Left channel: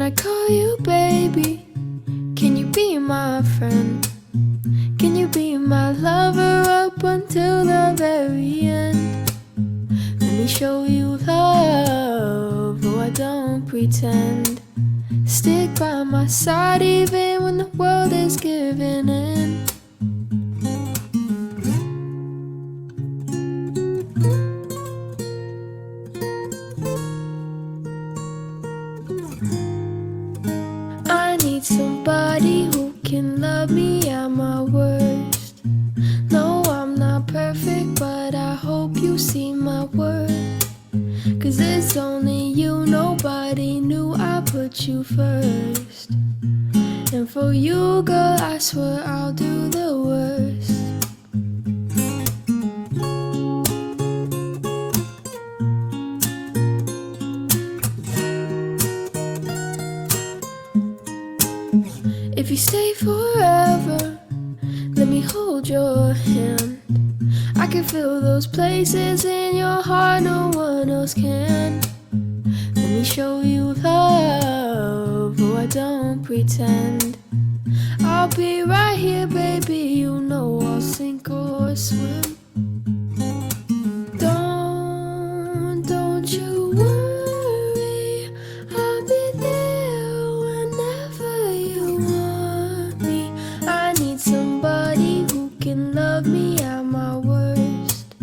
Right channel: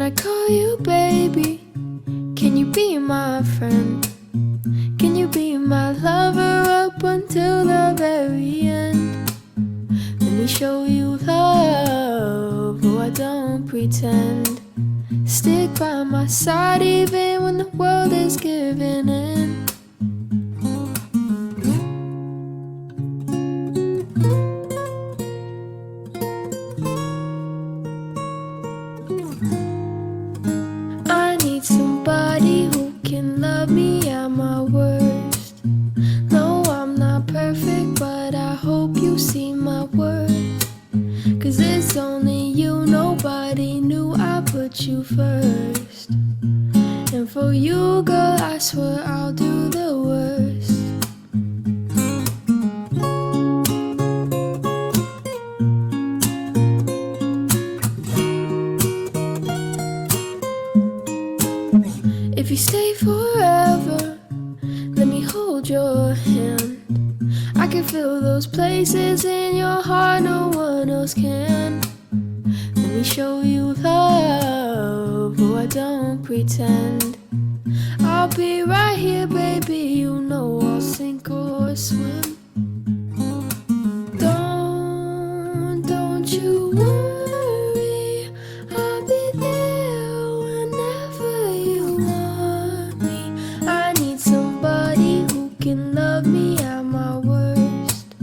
Can I call you baby? Can you be my friend? Can you be my lover up until the very end? Let me show you love, oh I don't pretend. Stick by my side even when the world is giving in. I need somebody who can love me at my worst. No, I'm not perfect, but I hope you see my worth. 'Cause it's only you, nobody knew I put you first. And for you, girl, I swear I'll do the worst. If you stay forever, let me hold your hand. I can feel those places in your heart no one else can. Let me show you love, oh I don't pretend. I'll be right here, baby, you know I'll sink or swim. Don't you worry, I'll be there whenever you want me. I need somebody who can love me at my worst.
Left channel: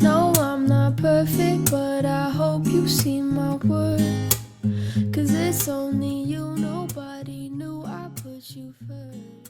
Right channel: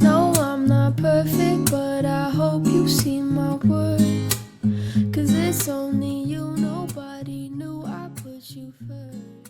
No, I'm not perfect, but I hope you see my worth. 'Cause it's only you, nobody knew I put you first.